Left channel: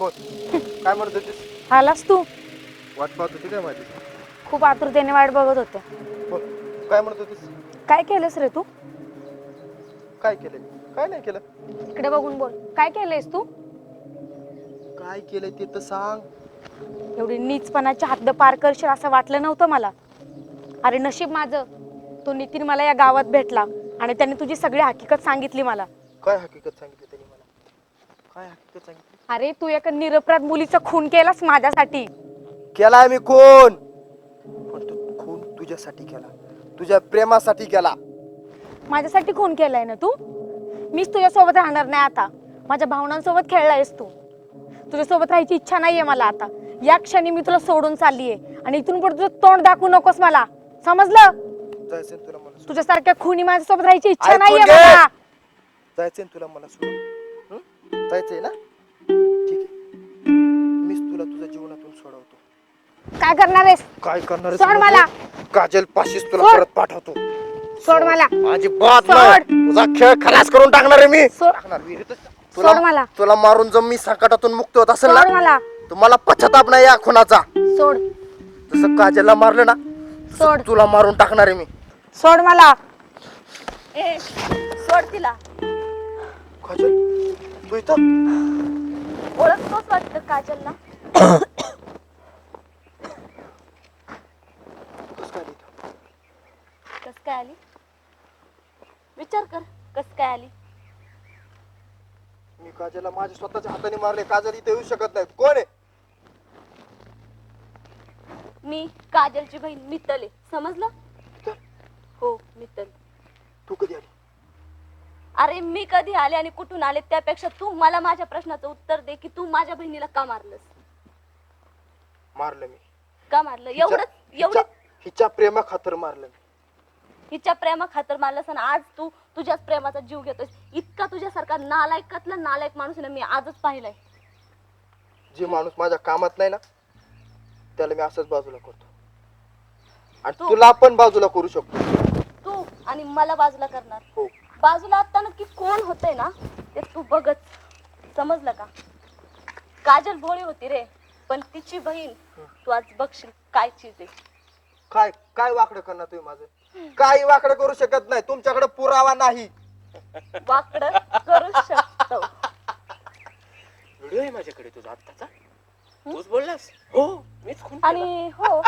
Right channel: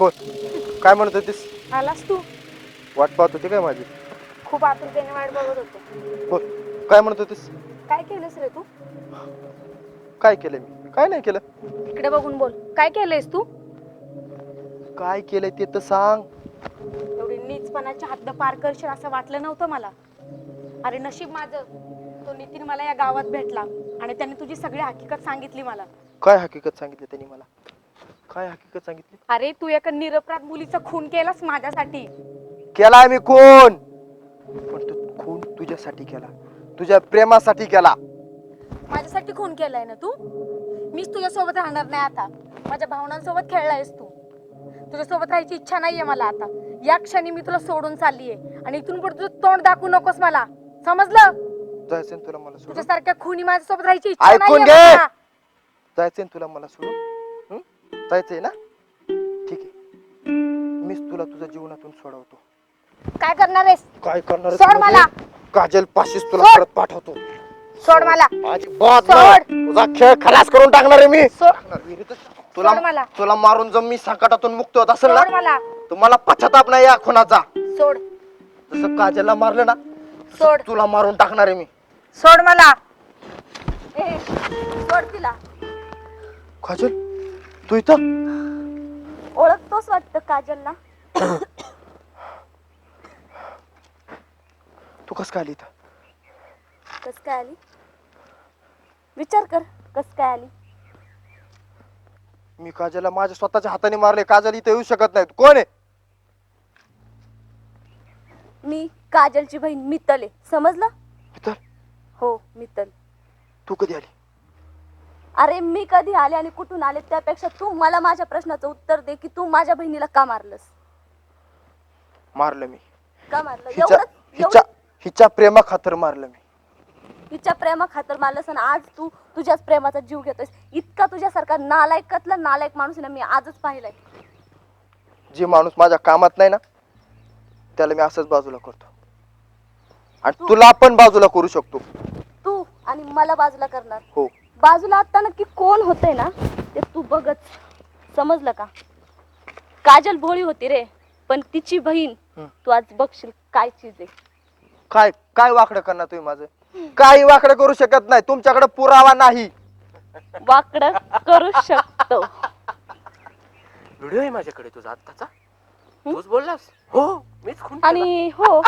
बोल काय म्हणत होतीस? आलास तू? वाट पाहत होती काय माझी? खूप आतुरतेने वाट बघत होते. बोल काय म्हणत होतीस? काय केलंस रे तू? काय केलं मी? काय नाही केलं. इकडे बघून बोल. काय केलंयस तू? काय केलंय ते तर सांग. एवढी नीचपणाची हद्द पार करशील असं वाटलं नव्हतं मला. अरे नशीब माझं, तो नितीन मला या गावात भेटला आणि त्याने तुझी सगळी हकीकत सांगितली मला. काय हकीकत सांगितली त्यांनी मला? काय हकीकत सांगितली? अरे तू एका निरपराध मुलीचा खून केलास माझ्यासाठी. केला मी खून, पण तू खून तुझ्यासाठी केला, तुझ्या प्रेमासाठी केला. माझ्यासाठी खून केलाय ना तू? मीच तुझ्यासोबत राहणार नाही आता. माझ्या भावनांसोबत खेळलायस तू. तुझ्यासोबत राहायची इच्छा नाहीये मला आता. या क्षणी मी तुला सोडून चाललीये आणि इथून पुढे तुझं तोंड दाखवू नकोस मला. समजलं? जायचं तुला मला सोडून? तुझ्यासारख्या खूनी माझ्यासोबत राहायची इच्छा ऐकून नाहीये घे. मला. जायचंय तुला मला सोडून? जायचंय ना? ठीक आहे, मीच तुला तुझ्या जीवनातून सोडवतो. काय करणार आहेस? काय करणार सोड मला. काजल पाशीच तुला सोड. परत पाठवतो. सोड मला. माझी बात सोड. नाही, तुझा खेळ खलास करून टाकणार आहे मी. सोड. टाकणार विहिरीतच. सोड मला. तुला मारून जर मी संकटातून मुक्त होत असेल सोड ना, मला. तुम्हाला पश्चाताप नाही या खुनाचा. सोड. जसं काजलला मारलं ना, सोड. तुला मारून टाकणार आहे मी. सोड मला. सोड तिला. काजल तू इथं? ओळखतोस वाटतं काजलला. तू कस काय आली इथं? कस काय आली? विचार कर, कस काय आली? मी काजलला माझ्या स्वतःच्या हाताने मारले. काजल इथे येऊ शकत नाही. कोण आहे? मी काजलची बहीण मित्तल आहे, समजलं? मित्तल? हो मित्तल. तू कधी आली? अरे मी कधी आले आणि कुठून आले त्यापेक्षा तू मला माझ्या प्रश्नाचं उत्तर दे की तू माझ्या बहिणीला का मारलंस? मारलं मी. का मारलं? हिच्या प्रेमा खातर मारलं मी. हिच्या प्रेमा खातर मारलंस आणि आज तू तुझ्याच प्रेमाचा जीव घेतोयस. इतका तुझ्यासारखा नालायकातला नालायक माणूस ना मी आजच पाहिलाय. जे माणूस माझ्या कामात नाही ना, त्याला मी असंच बाजूला करतो. आणि तुला पण बाजूला करू शकतो. तू आणि मला बाजूला करणार? हो. बाजूला आता नक्की कोण होतंय ना ते तू बघच. समजलं का? काजल भोळी होती रे, पण तिची बहीण तू आज बघशील काय चीज आहे. काय काय वाकडं करणार तुम्ही माझं? काही वाकडं करू शकत नाही. तुमच्याकडे पुरावा नाही. वाकडं करू शकतो. व्हिडिओ आहे माझ्याकडे तुझा आत्ताचा. तूच बोललास? हो, मीच खून केला. आणि हो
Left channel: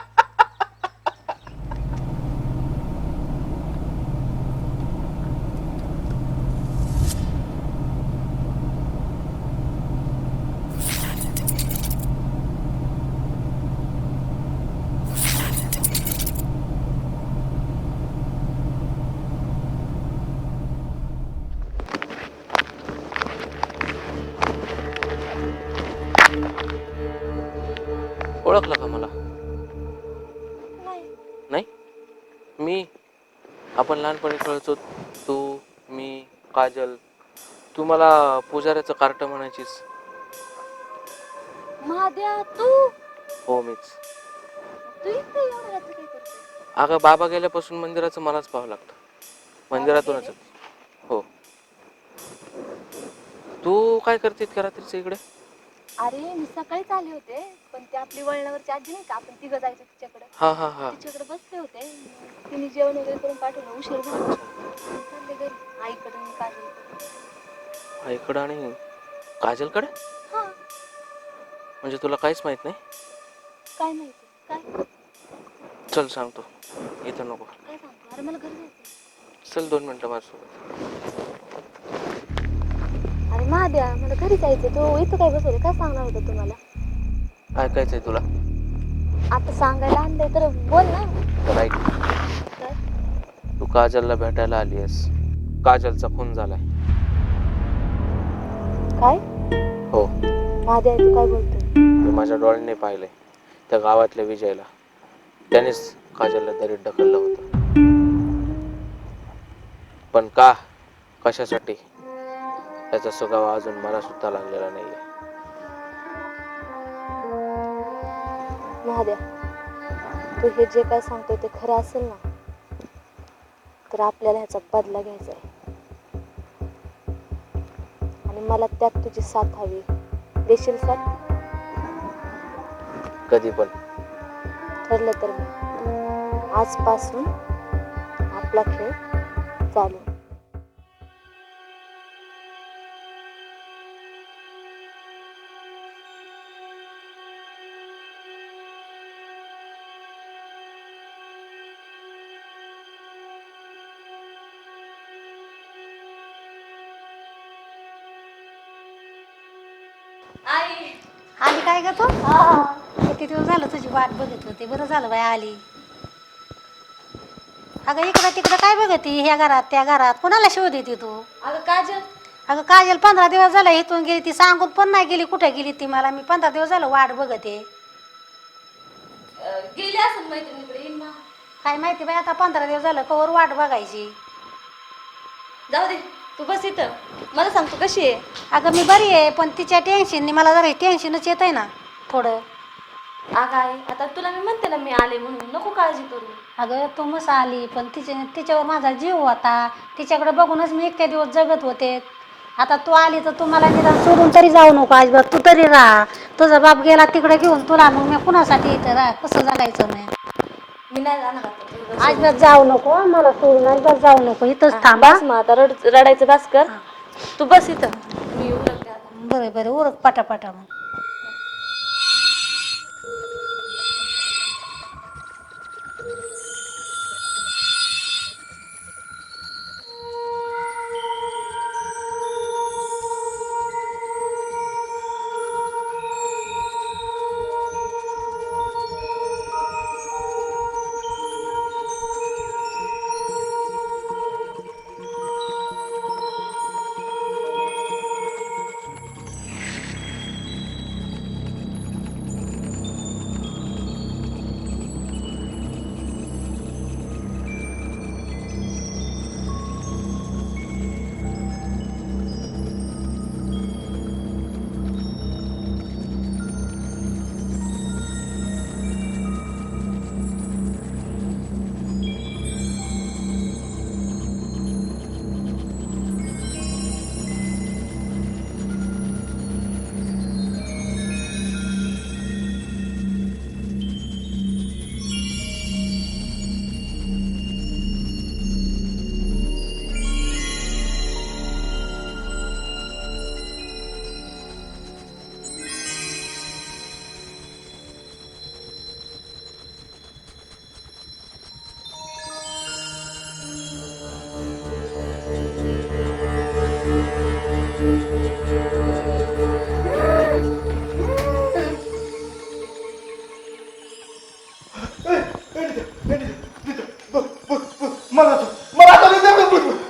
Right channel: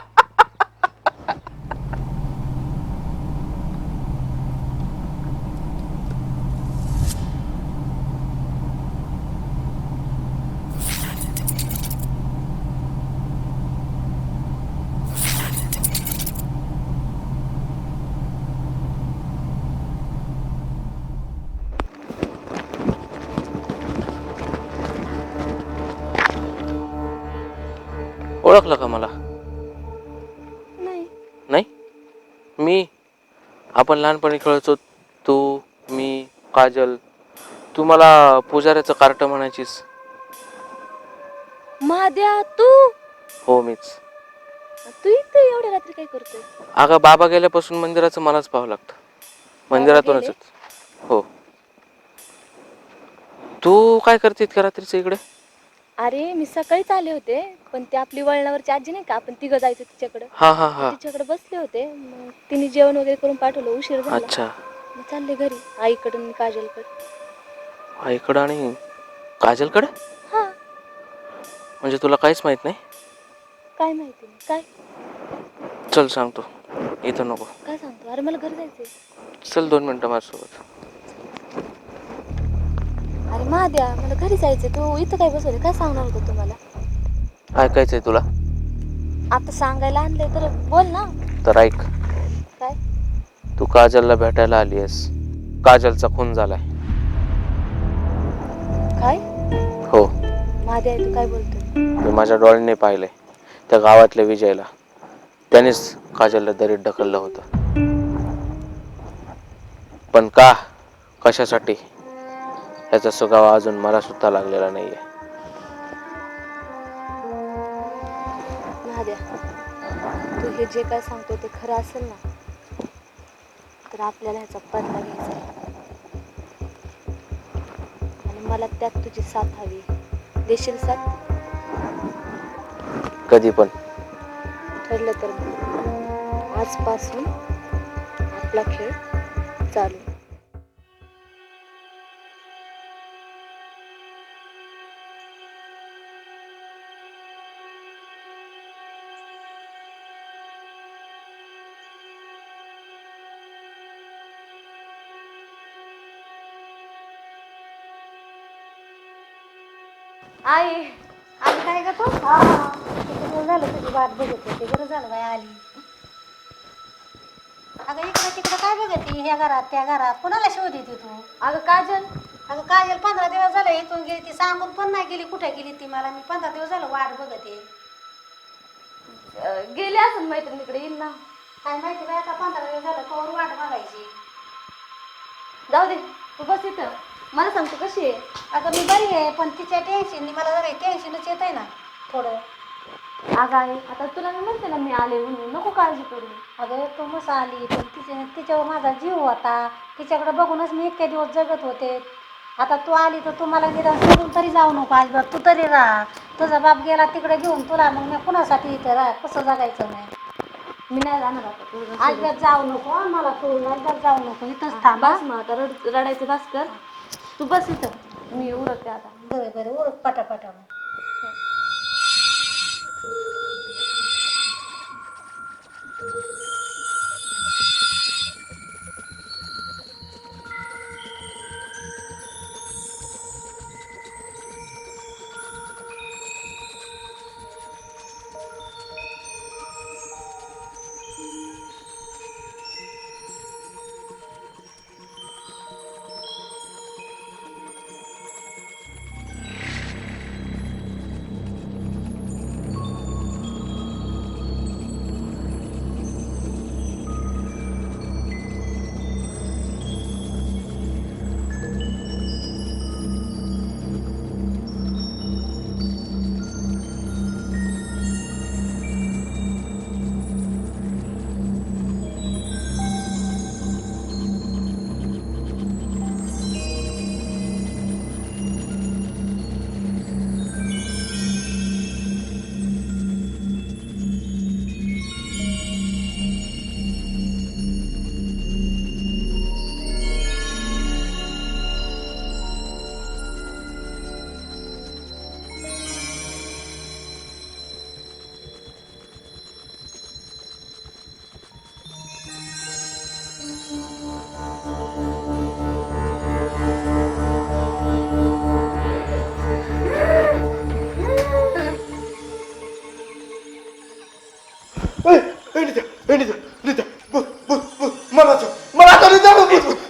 ओळखलं का मला? नाही. नाही? मी, आपण लहानपणी खेळायचो, तू, मी, काजल. तू मला पुजाऱ्याचं कार्ट म्हणायचीस. महाद्या तू? हो मीच. तू इथे एवढ्या रात्री काय करतोय? अगं बाबा गेल्यापासून मंदिराचं मलाच पाहावं लागतं. मंदिरातूनच. हो. तू काय करते इतक्या रात्रीचं इकडे? अरे मी सकाळीच आले होते, पण ती आपली वळणावरची आजी नाही का, आपण तिघं जायचं तिच्याकडे. हा हा हा. तिच्याकडे बसले होते, मग तिने जेवण वगैरे करून पाठवलं. उशीर झाला. अच्छा. चालले घरी आईकडे आणि काजलकडे. आईकडं आणि काजलकडे? हा. म्हणजे तुला काहीच माहित नाही? काय माहिती काय? चल सांगतो. इथं नको. काय सांगतो? अरे मला घरी जायचंय. चल 2 मिनिटं माझ्यासोबत. अरे महाद्या मला घरी जायचंय. तू इथं काय बसवले? काय सांगणार होतं तुम्हाला? ऐकायचंय तुला? आता सांगायला आणलंय तर बोल ना. तर ऐक. काय? तू काजलला भेटायला आली आहेस. काजलचा खून झालाय. काय? हो. महाद्या तू काय बोलतोय? मी माझ्या डोळ्यांनी पाहिलंय. त्या गावातल्या विजयला. त्यानेच काजलला दरीत ढकललं होतं. पण का? कशासाठी? याचा सुगावा अजून मला सुद्धा लागलेला नाहीये. महाद्या तू हे जे काय सांगतो ते खरं असेल ना, तर आपल्याला ह्याचा बदला घ्यायचा आहे. आणि मला त्यात तुझी साथ हवी. देशील साथ? कधी पण. ठरलं तर मग आजपासून आपला खेळ चालू. आई आली काय ग तू? किती दिवस झालं तुझी वाट बघत होती. बरं झालं बाई आली. अगं इकडं तिकडं काय बघती? ह्या घरात त्या घरात कोणाला शोध येते तू? अगं काजल, अगं काजल 15 दिवस झालं इथून गेली, ती सांगून पण नाही गेली कुठे गेली ती मला. मी 15 दिवस झालं वाट बघते. गेली असेल मैत्रिणीकडे, येईन ना. काय माहिती बाई आता 15 दिवस झालं कवर वाट बघायची. जाऊ दे, तू बस इथं. मला सांग तू कशी आहे? अगं मी बरी आहे पण तिच्या टेन्शननी मला जरा टेन्शनच येत आहे ना थोडं. अगं आई, आता तुला मी म्हणते ना मी आले म्हणून, नको काळजी करू. अगं तू मस्त आली पण तिच्यावर माझा जीव होता. तिच्याकडे बघूनच मी इतके दिवस जगत होते. आता तू आली तर तू मला निदान सोडून तरी जाऊ नको अजिबात. तू तरी राहा. तुझा बाप गेला तिकडे घेऊन तुला, मग मी कुणासाठी इथं राहा? कसं जगायचं नाही? मी नाही जाणार आता तुझं. अजिबात जाऊ नको मला सोडून, अजिबात जाऊ नको. इथंच थांबा. बस मग आता रडायचं बस कर. तू बस इथं, मी उरकते आता. बरं बरं उरक पटापटा मग.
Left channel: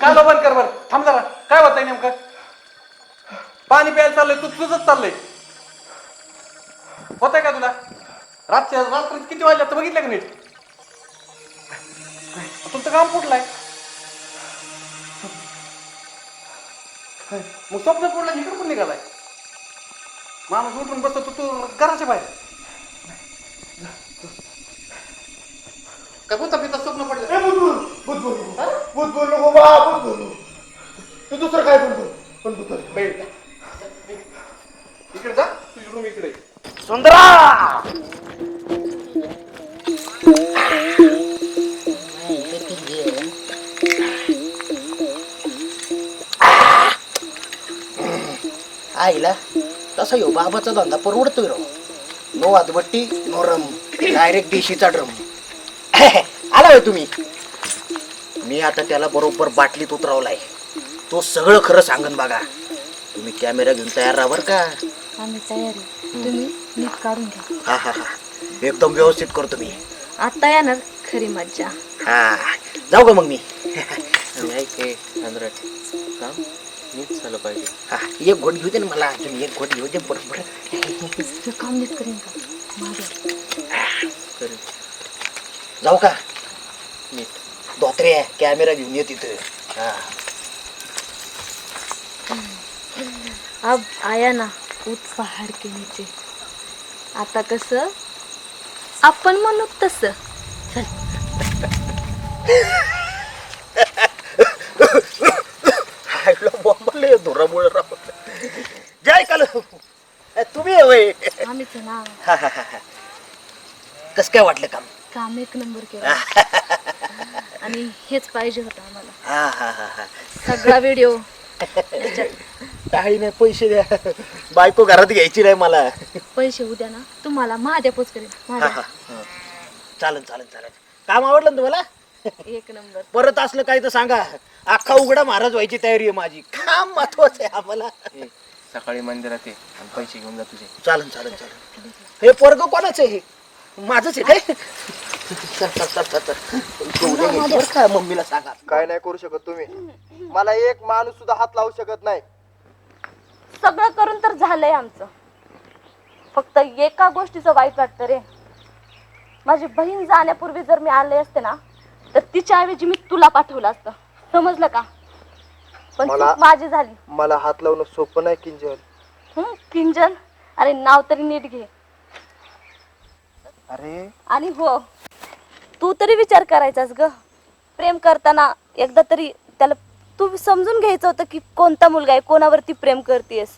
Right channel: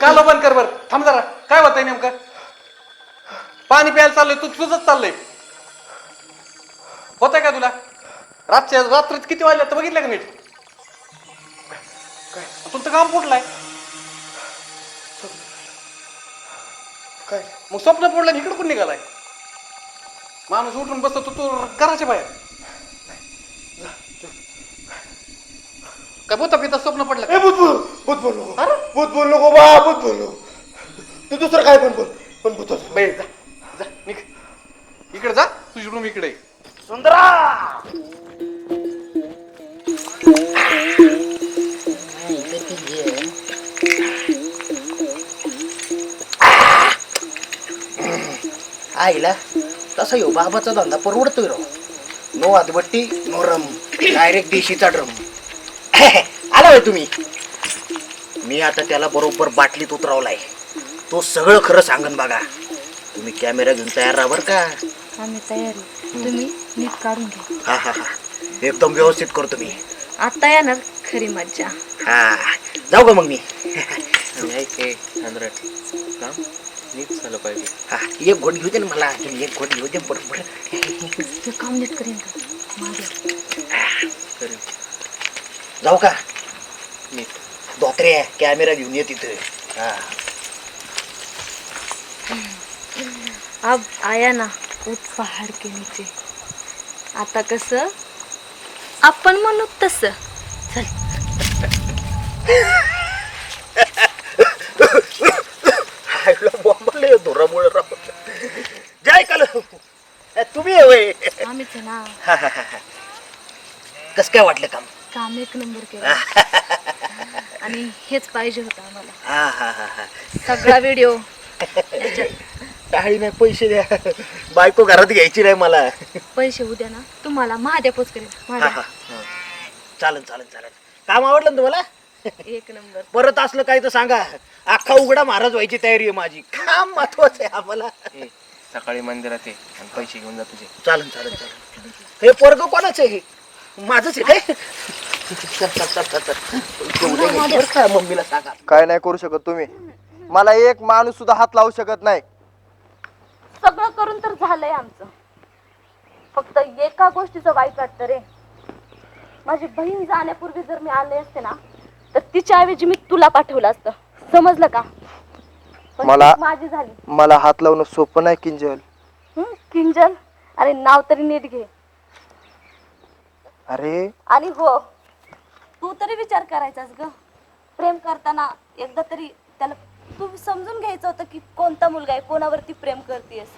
काला बंद कर बर. थांब जरा. काय होतंय नेमकं? पाणी प्यायला चाललंय, तू तुझंच चाललंय. होतंय का तुला? रात्रीच किती वाजले तर बघितलं का नीट? तुमचं काम कुठलंय? मग स्वप्न पडलं इकडं कोण निघालाय? माणूस उठून बसतो, तू घराच्या बाहेर. काय भूता पिता स्वप्न पडलं? भूत बोल नको बा. भूत बोल नको. तू दुसरं काय पण बोल पण भूत. बाहेर जा, जा, निघ. इकडे जा, तुझी रूम इकडे आहे. सुंदरा आईला तसा यो बाबाचा धंदा परवडतोय राव. नो आदबट्टी नो रम, डायरेक्ट देशीचा ड्रम. आला होय तुम्ही. मी आता त्याला बरोबर बाटलीत उतरवलाय. तो सगळं खरं सांगन बघा. तुम्ही कॅमेरा घेऊन तयार राहा बरं का. आम्ही तयार आहे, तुम्ही नीट काढून घ्या. हा हा हा एकदम व्यवस्थित करतो मी. आता येणार खरी मज्जा. हा जाऊ का मग मी. काम नीट झालं पाहिजे. हा एक घोट घेऊ दे ना मला. तुम्ही एक घोट घेऊ दे बरोबर. हे काम नीट करेन का माझ्या? करेन जाऊ का. नीट. धोत्रे कॅमेरा घेऊन ये तिथे. हा अब आया ना उठ पहाड के नीचे. आता कसं आपण म्हणू तसं. बॉम्बले धुरामुळे राहत. जय काल तुम्ही आहे होय. आम्हीच आहे ना. कस काय वाटलं काम? काम एक नंबर केलं. आणि हेच पाहिजे होतं आम्हाला. हा हा हा हा. सगळा व्हिडिओ काही नाही, पैसे द्या. बायको घरात घ्यायची नाही मला. पैसे उद्या ना तुम्हाला महाद्यापोच करेल. हा, हा. चालेल चालेल चालेल. काम आवडलं ना तुम्हाला? एक नंबर. परत असलं काही तर सांगा. अख्खा उघडा महाराज व्हायची तयारी आहे माझी. काम महत्वाचं आहे आम्हाला. ए, सकाळी मंदिरात ये आणि पैसे घेऊन जा तुझे. चालेल चालेल चालेल. हे पोरग कोणाचं आहे? माझंच आहे काय? चल चल चल चल चल. पैसे उद्या घ्यायचे बरं का, मम्मीला सांगा. काय नाही करू शकत तुम्ही. मला एक माणूस सुद्धा हात लावू शकत नाही. सगळं करून तर झालंय आमचं. फक्त एका गोष्टीचं वाईट वाटतं रे. माझी बहीण जाण्यापूर्वी जर मी आणले असते ना तर तिच्या ऐवजी मी तुला पाठवलं असतं. समजलं का? पण मला- ती माझी झाली. मला हात लावणं सोपं नाही किंजल. किंजल? अरे नाव तरी नीट घे. अरे आणि हो, तू तरी विचार करायचास ग. प्रेम करताना एकदा तरी त्याला तू समजून घ्यायचं होतं की कोणता मुलगा आहे, कोणावरती प्रेम करतेस.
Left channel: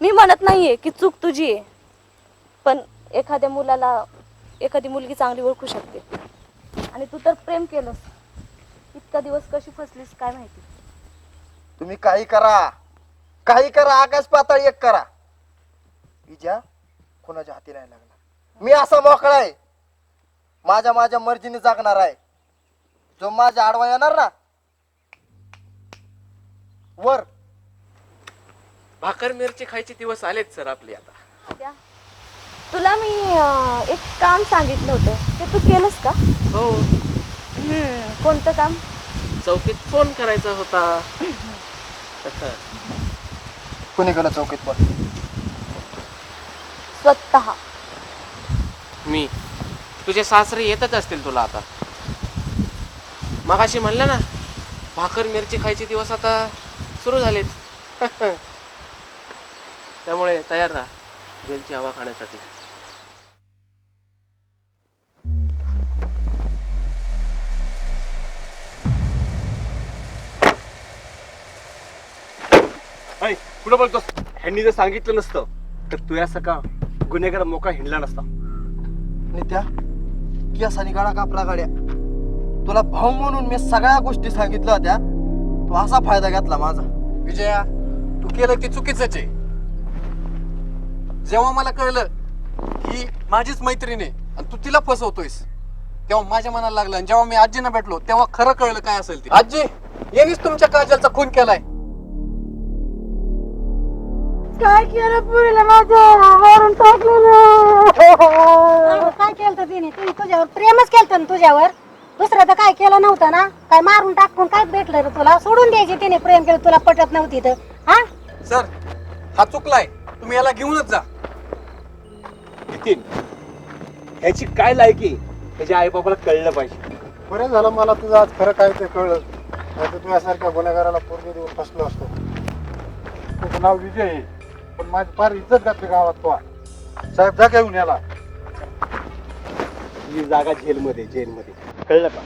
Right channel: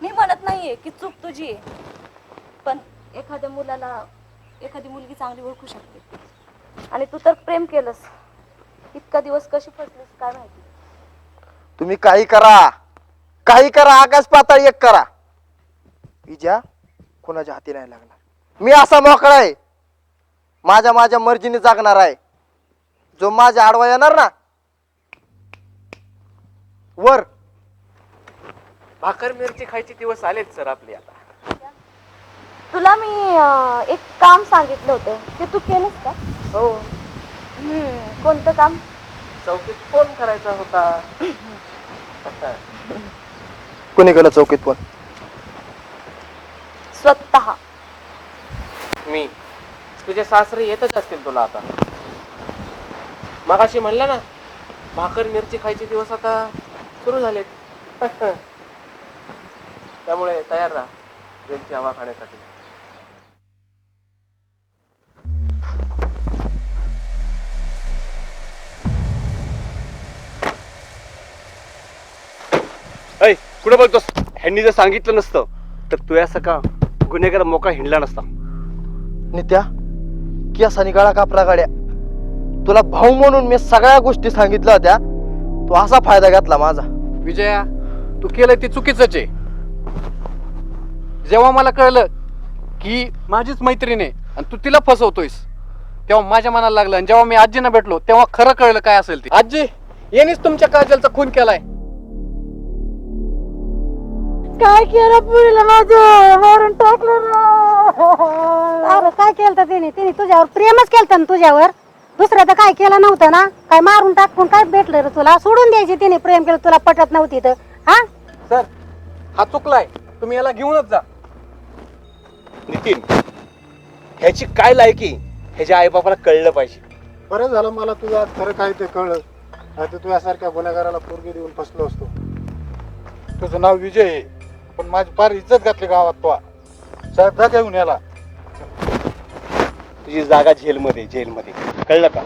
मी म्हणत नाहीये की चूक तुझी आहे, पण एखाद्या मुलाला एखादी मुलगी चांगली ओळखू शकते. आणि तू तर प्रेम केलंस. इतका दिवस कशी फसलीस काय माहिती. तुम्ही काही करा, काही करा, आकाश पाताळ एक करा, विजा कोणाच्या हाती नाही लागणार. मी असा मोकळा आहे, माझ्या माझ्या मर्जीने जागणार आहे. जो माझ्या आडवा येणार ना वर. भाकर मिरची खायचे दिवस आलेत सर आपले आता. तुला मी एक काम सांगितलं होतं ते तू केलंस का? हो, कोणतं काम? चौकीत फोन करायचा होता. कोणी गेलं चौकीत पण? स्वतः. मी तुझे सासरे येतच असतील तुला आता. मगाशी म्हणलं ना, भाकर मिरची खायचे दिवस आता सुरू झालेत. त्यामुळे तयार राहा जेलची हवा खाण्यासाठी. ऐ कुठं बोलतोस? ह्यांनी जर सांगितलं नसतं तर तू याचा का गुन्हेगार मोकळा हिंडला नसता. नित्या केसानी गळा कापला गाड्या. तुला भाऊ म्हणून मी सगळ्या गोष्टी सांगितल्या होत्या, तू असा फायदा घेतला माझा. विजया, तू केलंय ते चुकीचंच आहे. जेव्हा मला कळलं की माझीच मैत्रीण आहे आणि तू तिला फसवतोयस, तेव्हा माझ्या मनाला लागलं. आणि जेव्हा मी आजींना भेटलो तेव्हा खरं कळलं काय असेल ते. आजी, यांनीच तुमच्या काजलचा खून केलाय. काय केलं पुरीला माझ्या मारून टाकलं. काय केलं तिने? तिने तुझ्यावर प्रेमच केलं ना तुझ्यावर. दुसरं तर काय केलं नव्हतं ना. काय मारून टाकून काय भेटलं रे तुला? सोडून द्यायची तिने प्रेम केलं, तुला पटत नव्हती तर. हा सर, हा चुकलाय. तुम्ही याला घेऊनच जा. नितीन, ह्याची काय लायकी ह्याच्या आई बापाला कळलं पाहिजे. बरं झालं मला तुझं आज खरं काय ते कळलं. आता तुझ्यासारख्या गुन्हेगाराला पोरगी देऊन फसलो असतो. तुझं नाव विजय आहे, पण माझी फार इज्जत घातली गावात. तो साहेब जा घेऊन याला. तुझी जागा जेलमध्ये, जेलमध्ये. कळलं का?